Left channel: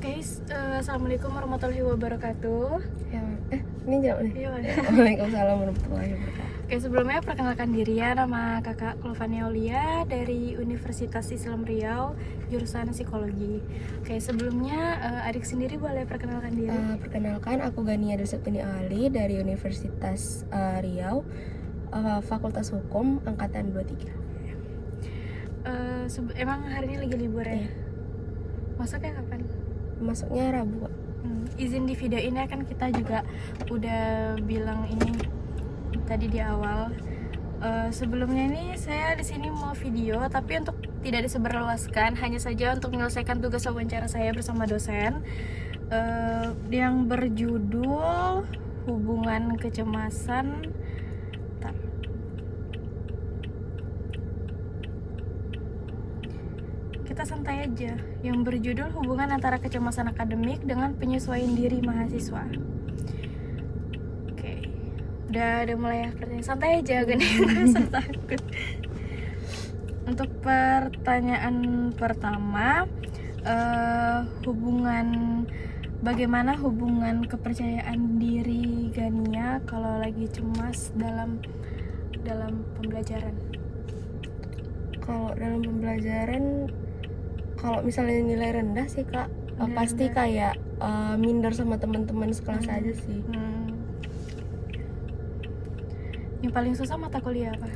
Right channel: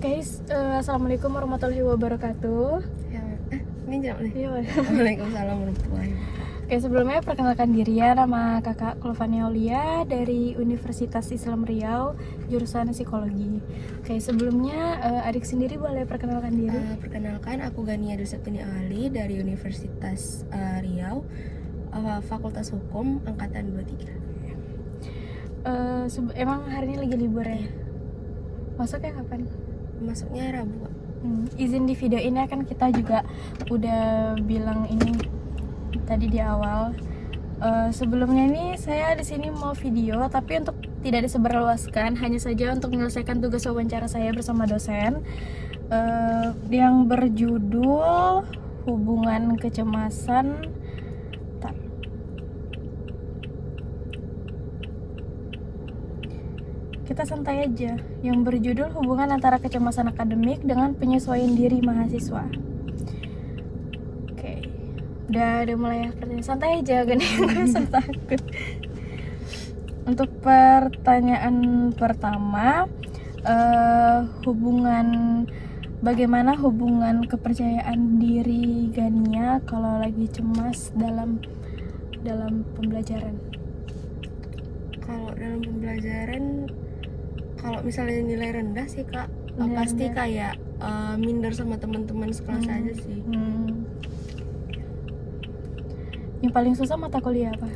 Guys, assalamualaikum warahmatullahi wabarakatuh. Ya, ini jawab nih. Iya, Waalaikumsalam warahmatullahi wabarakatuh. Oke, sebelumnya perkenalkan diri ya, nama kakak Kulfania Aulia dari Universitas Islam Riau, jurusan psikologi. Oke, sebelumnya adik sendiri boleh perkenalkan diri? Perkenalkan, aku Gania Dusepini Ali dari Universitas Riau, Fakultas Hukum Angkatan 23. Emang hari ini lagi libur ya? Masuknya kapan? Masuknya Rabu. Izin di video ini kan kita juga udah bilang ini tadi di awal. Sebelumnya ini saya di sini mau video, tapi untuk tidak disebarluaskan, hanya saja untuk menyelesaikan tugas wawancara saya bersama dosen yang berjudul hubungan kecemasan. Kita santai aja, yang berjudul hubungan antara kecemasan akademik dengan penyesuaian diri mahasiswa. Oke, udah mulai pertanyaan, santai aja, gak usah takut. Untuk pertanyaan pertama, bagaimana hubungan kepercayaan diri Gania kalau lagi cemas dalam pembelajaran? Kalau dalam pembelajaran, kalau misalnya nilai rendah sih kak, pasti kayak minder sama teman-teman sekelas aja sih. Yang paling susah mata kuliah apa?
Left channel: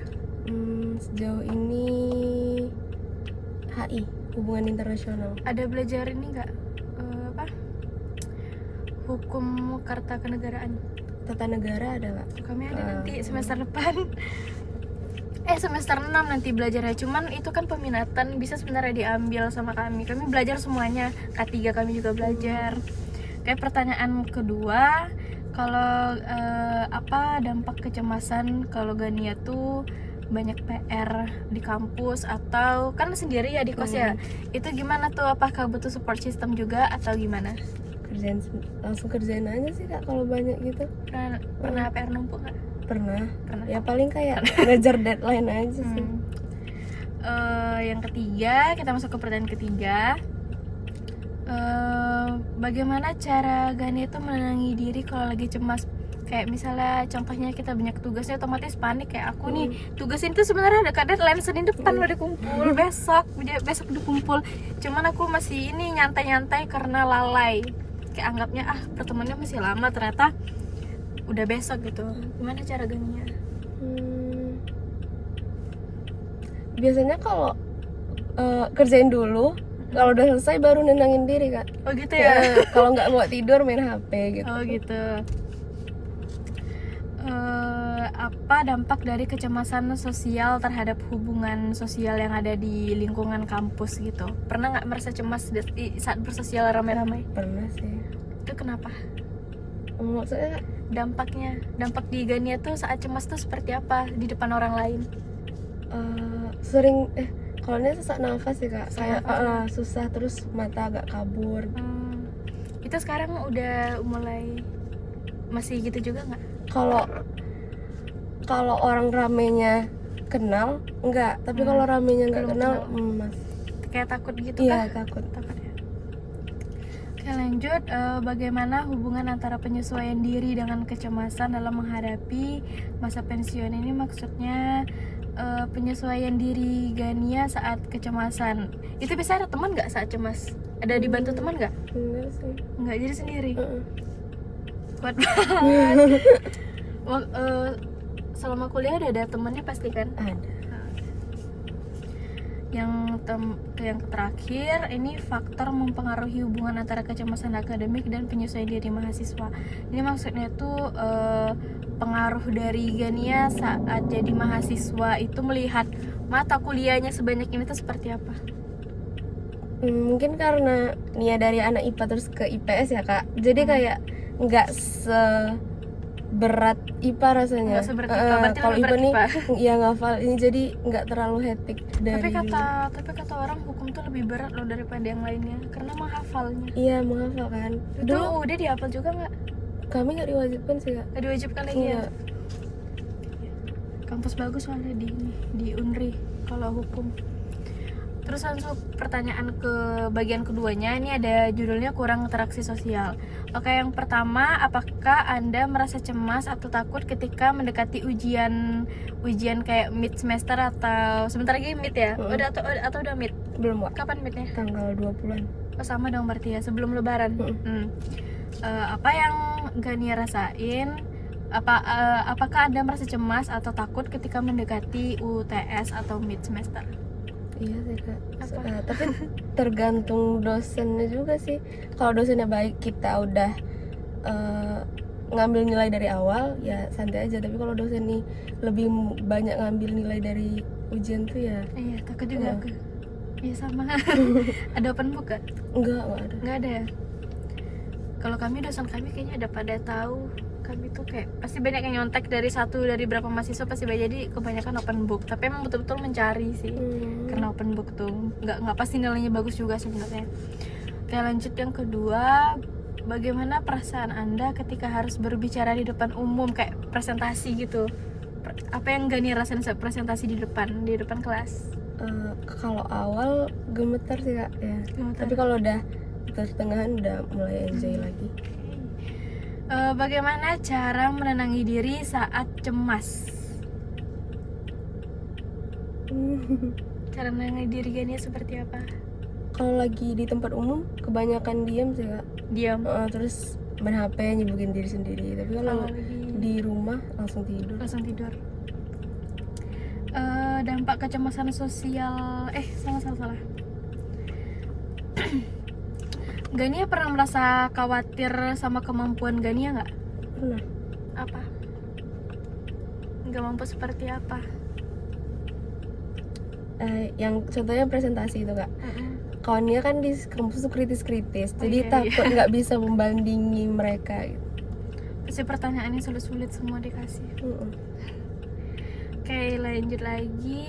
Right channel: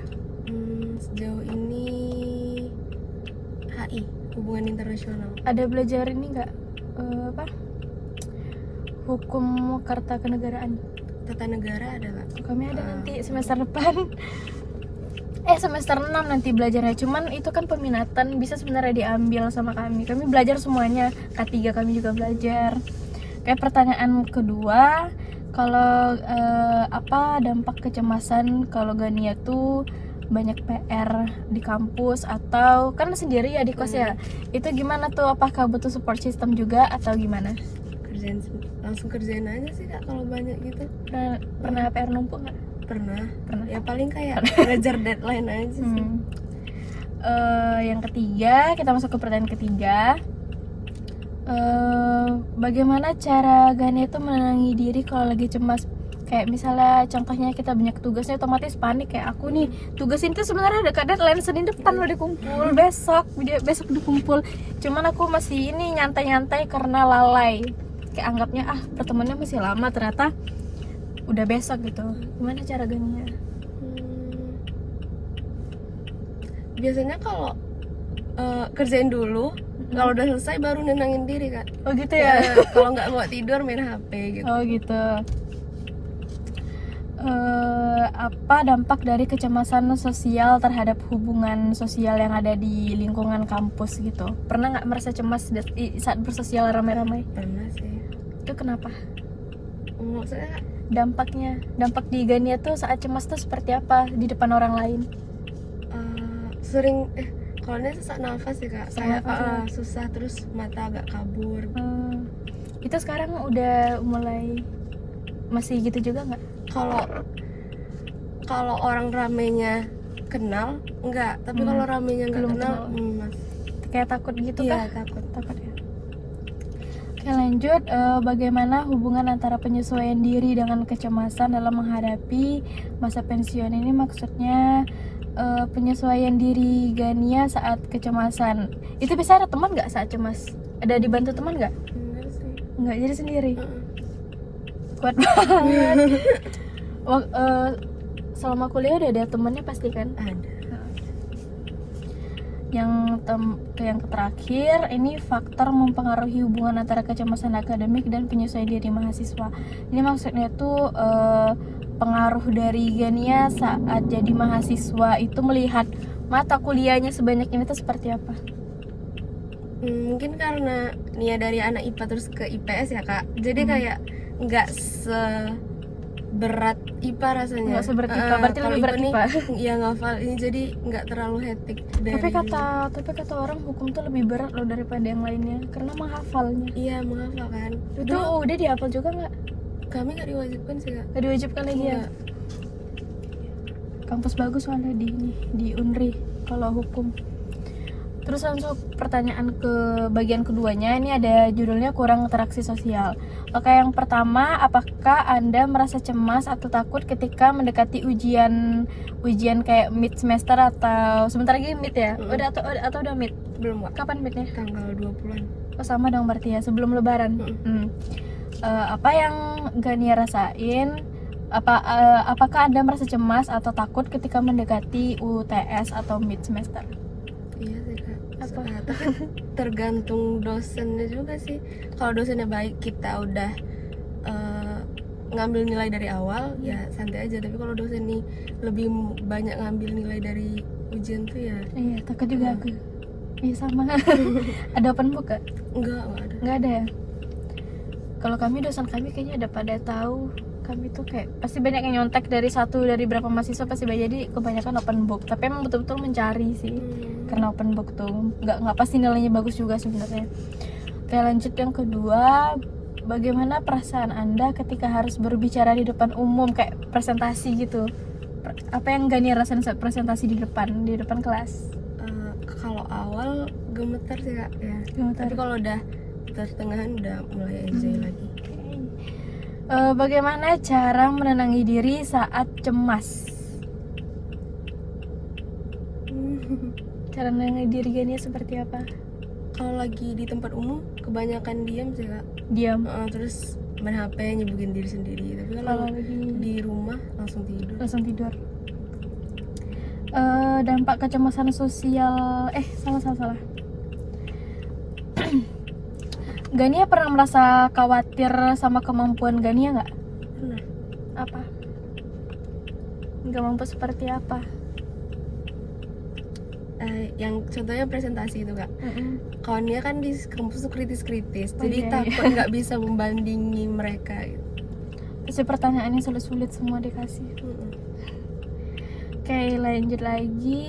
Sejauh ini HI, hubungan internasional. Ada belajar ini nggak? Hukum Karta Kenegaraan. Tata negara ada nggak? Kami ada nanti semester depan. Semester 6 nanti belajarnya. Cuman itu kan peminatan, bisa sebenarnya diambil sama kami. Kami belajar semuanya. K3 kami juga belajar. Kayak pertanyaan kedua, kalau apa dampak kecemasan kalau Gania tuh banyak PR di kampus atau kan sendiri ya di kos ya? Itu gimana tuh? Apakah butuh support system juga atau gimana? Langsung kerjain aja sih kak kalau banyak gitu. Pernah PR numpuk nggak? Pernah. Ya paling kayak ngejar deadline aja sih. Yang ketiga, kita masuk ke pertanyaan ketiga. Bagaimana cara Gania itu menenangi diri kalau lagi cemas? Kayak misalnya contohnya kita banyak tugasnya, otomatis panik. Kayak aku nih, tugas ini tuh sebenarnya ada deadline Senin depan udah dikumpul, besok dikumpul. Cuman aku masih ini nyantai-nyantai karena lalai. Kayak anggapnya pertemuannya masih lama, ternyata udah besok gitu. Gimana cara Gania? Biasanya kalau kerjain dulu, kalau udah selesai baru nenangin diri kak. Oh gitu ya? Kalau nggak mau tidur main HP gitu. Oh gitu. Apa dampak dari kecemasan sosial terhadap hubungan sosial yang ada di lingkungan kampus gitu? Pernah nggak merasa cemas saat bersosial ramai-ramai? Pernah sih. Itu kenapa? Maksudnya Dampak di Gania tuh saat cemas tuh seperti apa di depan orang lain? Sering kalau ini sesak nafas sih kak. Kayak susah, terus mata agak kabur. Itu sekarang udah mulai masih gitu juga nggak? Kalau orang ramenya kenal enggak, tapi kalau ramenya nggak kenal mas. Kayak takut gitu Iya, kah? takut ya. Oke, lanjut, bagaimana hubungan antara penyesuaian diri dengan kecemasan dalam menghadapi masa pensiun ini? Maksudnya penyesuaian diri Gania saat kecemasan. Itu bisa ada teman nggak saat cemas? Ada dibantu teman nggak? Enggak sih. Nggak, jadi sendiri. Kuat banget. Selama kuliah udah ada temennya pasti kan? Ada. Yang terakhir, ini faktor mempengaruhi hubungan antara kecemasan akademik dan penyesuaian diri mahasiswa. Ini maksudnya tuh pengaruh dari Gania saat jadi mahasiswa itu melihat mata kuliahnya sebanyak ini tuh seperti apa? Mungkin karena Nia dari anak IPA terus ke IPS ya kak, jadi kayak nggak berat IPA rasanya. Nggak seberat IPA, berarti lebih berat IPA. Iya ngafal ini, jadi nggak terlalu hektik. Tapi kata orang hukum tuh lebih berat loh daripada yang lainnya karena menghafalnya. Iya menghafal kan. Itu udah dihafal juga nggak? Kami nggak diwajibkan sih kak. Nggak diwajibkan lagi ya? Kampus bagus soalnya di Unri kalau hukum. Terus langsung pertanyaan ke bagian keduanya, ini ada judulnya kurang interaksi sosial. Oke, yang pertama, apakah Anda merasa cemas atau takut ketika mendekati ujian kayak mid semester atau sebentar lagi mid ya? Udah atau udah mid? Belum, Kak. Kapan midnya? Tanggal 20-an. Oh, sama dong berarti ya, sebelum lebaran. Apa yang Gania rasain? Apakah Anda merasa cemas atau takut ketika mendekati UTS atau mid semester? Iya sih, Kak. Apa? Tapi tergantung dosennya juga sih. Kalau dosennya baik, kita udah ngambil nilai dari awal, ya santai aja. Tapi kalau dosen nih lebih banyak ngambil nilai dari ujian tuh ya Iya, takut juga aku. Iya sama. Ada open book gak? enggak ada. Nggak ada ya? Kalau kami, dosen kami kayaknya ada pada tahu. Kami tuh kayak pasti banyak yang nyontek dari berapa mahasiswa pasti banyak, jadi kebanyakan open book. Tapi emang betul-betul mencari sih, karena open book tuh nggak pasti nilainya bagus juga sebenarnya. Oke, lanjut yang kedua, bagaimana perasaan Anda ketika harus berbicara di depan umum kayak presentasi gitu? Apa yang Gani rasain saat presentasi di depan kelas? Kalau awal gemetar sih, Kak, ya. Gemetar. Tapi kalau udah pertengahan udah mulai enjoy lagi. Bagaimana cara menenangi diri saat cemas? Cara menenangi diri Gani seperti apa? Kalau lagi di tempat umum kebanyakan diam sih, Kak. Diam. Terus main HP, nyibukin diri sendiri. Tapi kalau lagi di rumah langsung tidur. Dampak kecemasan sosial, salah. Gania pernah merasa khawatir sama kemampuan Gania nggak? Pernah. Apa? Nggak mampu seperti apa? Yang contohnya presentasi itu, Kak. Kawan dia kan di kampus tuh kritis-kritis, jadi iya. takut nggak bisa membandingi mereka gitu. Pasti pertanyaannya sulit-sulit semua dikasih. Oke, lanjut lagi.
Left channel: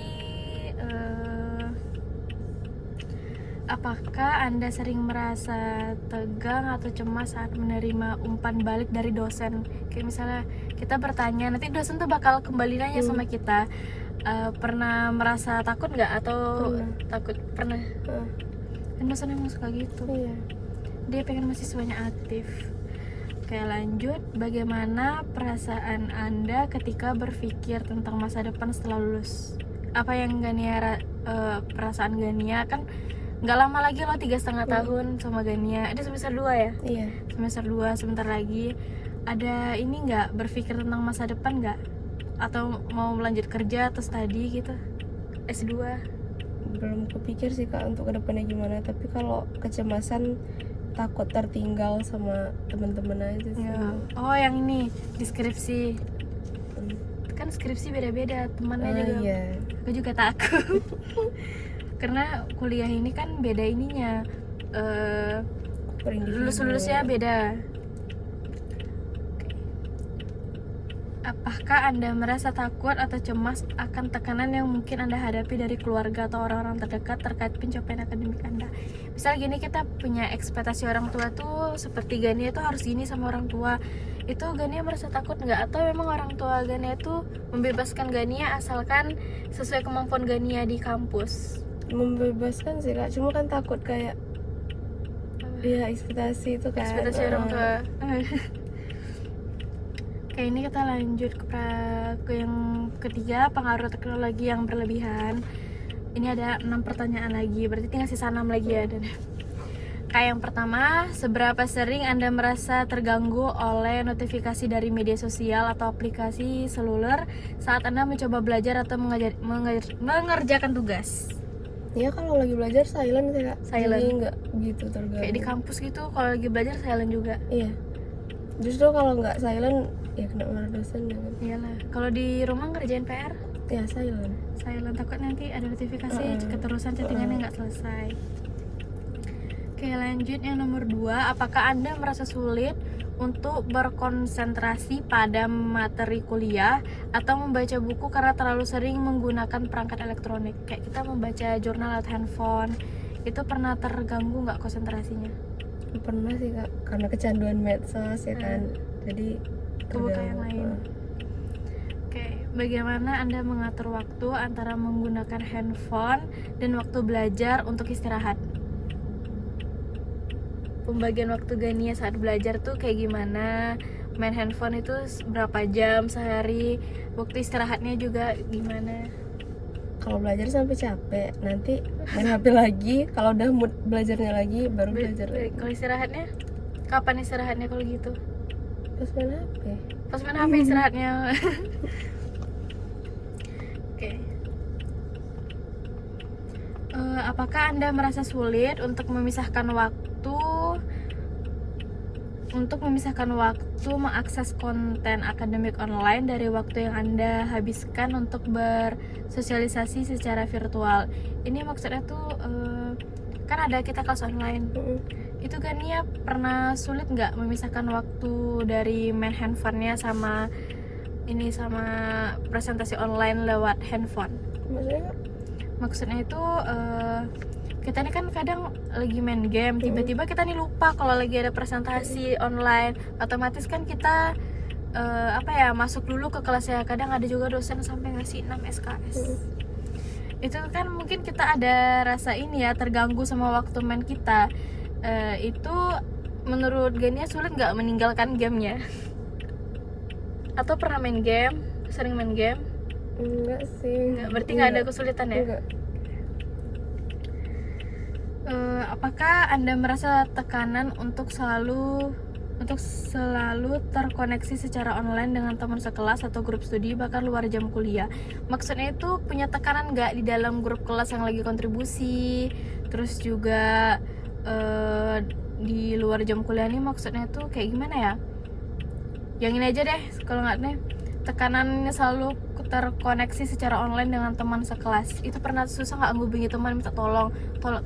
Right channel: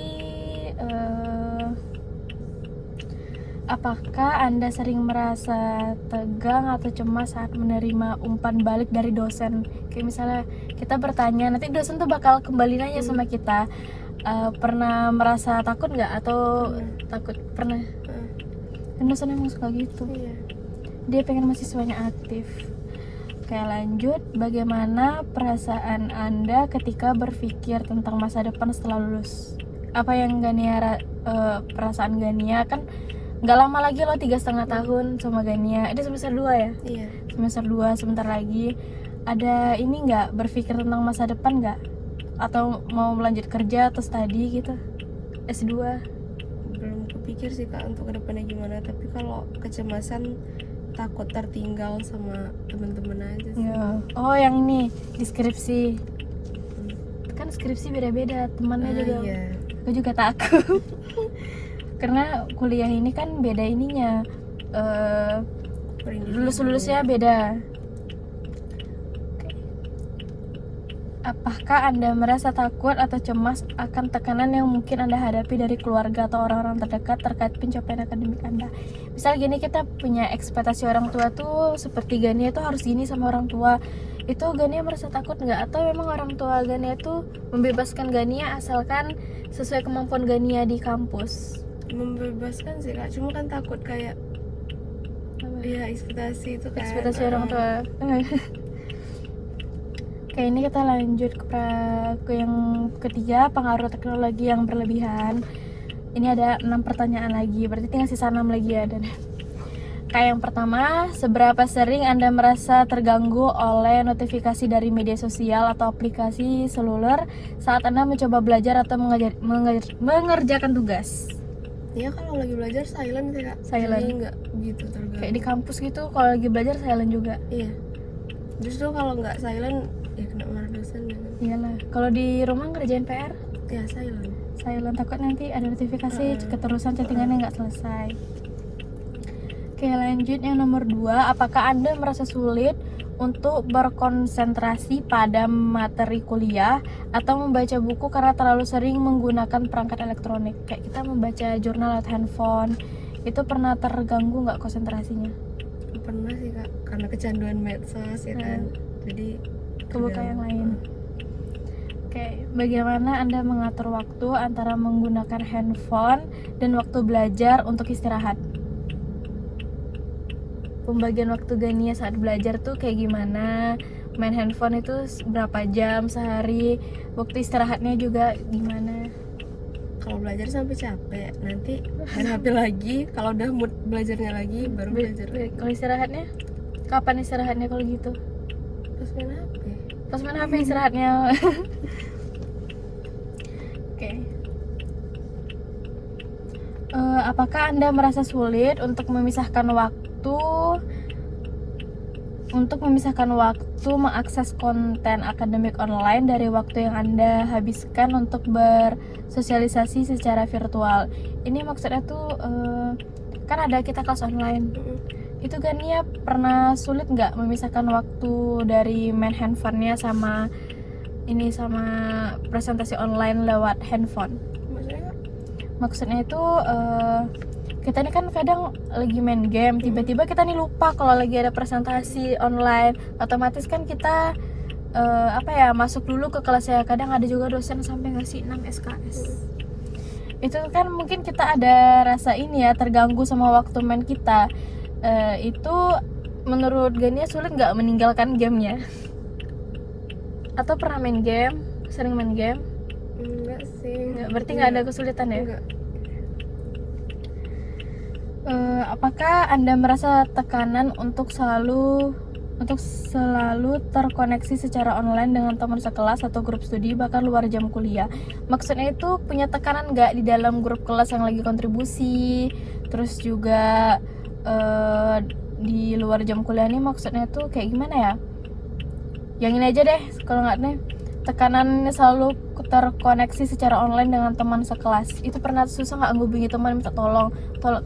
Apakah Anda sering merasa tegang atau cemas saat menerima umpan balik dari dosen? Kayak misalnya kita bertanya, nanti dosen tuh bakal kembali nanya sama kita. Pernah merasa takut nggak atau takut? Pernah. Dan dosen emang suka gitu. Iya. Dia pengen mahasiswanya aktif. Oke, lanjut. Bagaimana perasaan Anda ketika berpikir tentang masa depan setelah lulus? Apa yang Gania perasaan Gania kan nggak lama lagi loh, 3,5 tahun sama Gania. Ada semester 2 ya? Iya. Semester 2 sebentar lagi. Ada ini nggak, berpikir tentang masa depan nggak? Atau mau melanjut kerja atau studi gitu? S2? Belum kepikir sih, Kak, untuk kedepannya gimana. Tapi kalau kecemasan, takut tertinggal sama teman-teman aja sih. Ya. Oh, yang ini deskripsi. Kan skripsi beda-beda, temannya juga. Iya. Aku juga takut. Karena kuliah ini kan beda ininya, lulus-lulusnya beda. Apakah Anda merasa takut atau cemas akan tekanan yang mungkin Anda hadapi dari keluarga atau orang-orang terdekat terkait pencapaian akademik Anda? Misal gini, kita punya ekspektasi orang tua tuh seperti Gania itu harus gini sama orang tua. Itu Gania merasa takut nggak? Atau memang orang tua Gania itu membebaskan Gania asalkan sesuai kemampuan Gania di kampus? Membebaskan sih, Kak, cuma kan takut kayak ya ekspektasi itu kan. Ekspektasi orang tua. Oke, ini kita lanjut ke yang ketiga, pengaruh teknologi yang berlebihan. Ini ada 6 pertanyaan lagi, berarti tinggal sisa 6 lagi ya. Dan kayak yang pertama, seberapa sering Anda merasa terganggu oleh notifikasi dari media sosial atau aplikasi seluler saat Anda mencoba belajar atau mengerjakan tugas? Ya kalau lagi belajar silent sih, Kak. Silent. Jadi nggak gitu terganggu. Kayak di kampus gitu, kalau lagi belajar silent juga. Iya. Justru kalau nggak silent ya kena marah dosen ya kan. Iyalah. Kalau di rumah ngerjain PR, Ya silent. takut nanti ada notifikasi keterusan chattingannya nggak selesai. Oke, lanjut yang nomor 2, apakah Anda merasa sulit untuk berkonsentrasi pada materi kuliah atau membaca buku karena terlalu sering menggunakan perangkat elektronik? Kayak kita membaca jurnal atau handphone, itu pernah terganggu nggak konsentrasinya? Pernah sih, Kak, karena kecanduan medsos ya kan. Jadi Kebuka yang lain. Oke, bagaimana Anda mengatur waktu antara menggunakan handphone dan waktu belajar untuk istirahat? Pembagian waktu Gania saat belajar tuh kayak gimana? Main handphone itu berapa jam sehari? Waktu istirahatnya juga gimana? Kalau belajar sampai capek, nanti main HP lagi. Kalau udah mood belajarnya lagi, baru belajar lagi. Kalau istirahatnya? Kapan istirahatnya kalau gitu? Terus main HP. Pas main HP istirahatnya. Oke. Apakah Anda merasa sulit untuk memisahkan waktu mengakses konten akademik online dari waktu yang Anda habiskan untuk bersosialisasi secara virtual? Ini maksudnya tuh kan ada kita kelas online. Itu Gania pernah sulit nggak memisahkan waktu dari main handphonenya sama presentasi online lewat handphone? Maksudnya itu kita ini kan kadang lagi main game, tiba-tiba kita nih lupa kalau lagi ada presentasi online. Otomatis kan kita masuk dulu ke kelasnya. Kadang ada juga dosen sampai ngasih 6 SKS. Itu kan mungkin kita ada rasa ini ya, terganggu sama waktu main kita. Itu menurut Gania sulit nggak meninggalkan gamenya? Atau pernah main game? Sering main game? Enggak sih. Nggak, berarti nggak ada kesulitan ya? Enggak. Apakah Anda merasa tekanan untuk selalu terkoneksi secara online dengan teman sekelas atau grup studi bahkan luar jam kuliah? Maksudnya itu punya tekanan nggak di dalam grup kelas yang lagi kontribusi, terus juga di luar jam kuliah nih, maksudnya tuh kayak gimana ya? Yang ini aja deh, kalau nggak nih, tekanannya selalu terkoneksi secara online dengan teman sekelas. Itu pernah susah nggak ngubungi teman minta tolong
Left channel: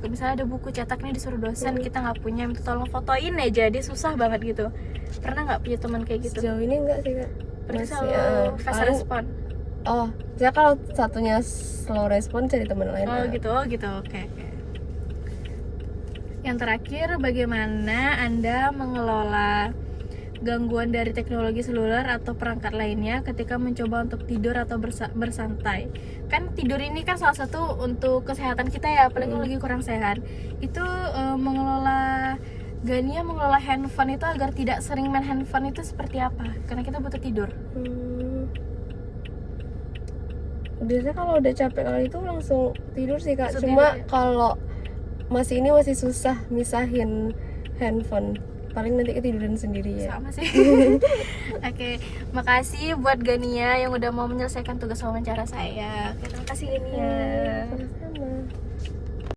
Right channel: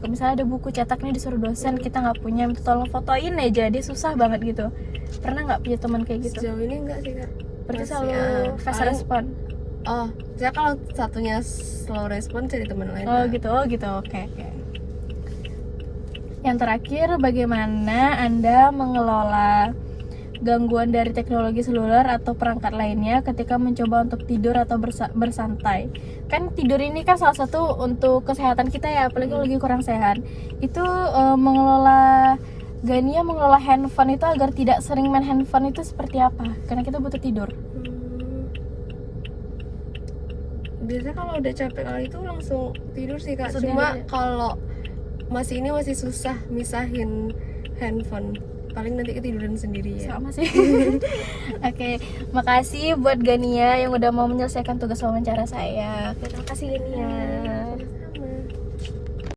misalnya ada buku cetak nih disuruh dosen, kita nggak punya, minta tolong fotoin aja, dia susah banget gitu. Pernah nggak punya teman kayak gitu? Sejauh ini enggak sih, Kak. Berarti Masih, selalu fast respon. Oh, saya kalau satunya slow respon cari teman lain. Oh gitu, oke. Yang terakhir, bagaimana Anda mengelola gangguan dari teknologi seluler atau perangkat lainnya ketika mencoba untuk tidur atau bersantai? Kan tidur ini kan salah satu untuk kesehatan kita ya, apalagi lagi kurang sehat. Itu Gania mengelola handphone itu agar tidak sering main handphone itu seperti apa? Karena kita butuh tidur. Biasanya kalau udah capek kali itu langsung tidur sih, Kak. Langsung Cuma tidur ya? kalau masih susah misahin handphone. Paling nanti ketiduran sendiri ya. Sama sih. Oke, makasih buat Gania yang udah mau menyelesaikan tugas wawancara saya. Terima kasih Gania.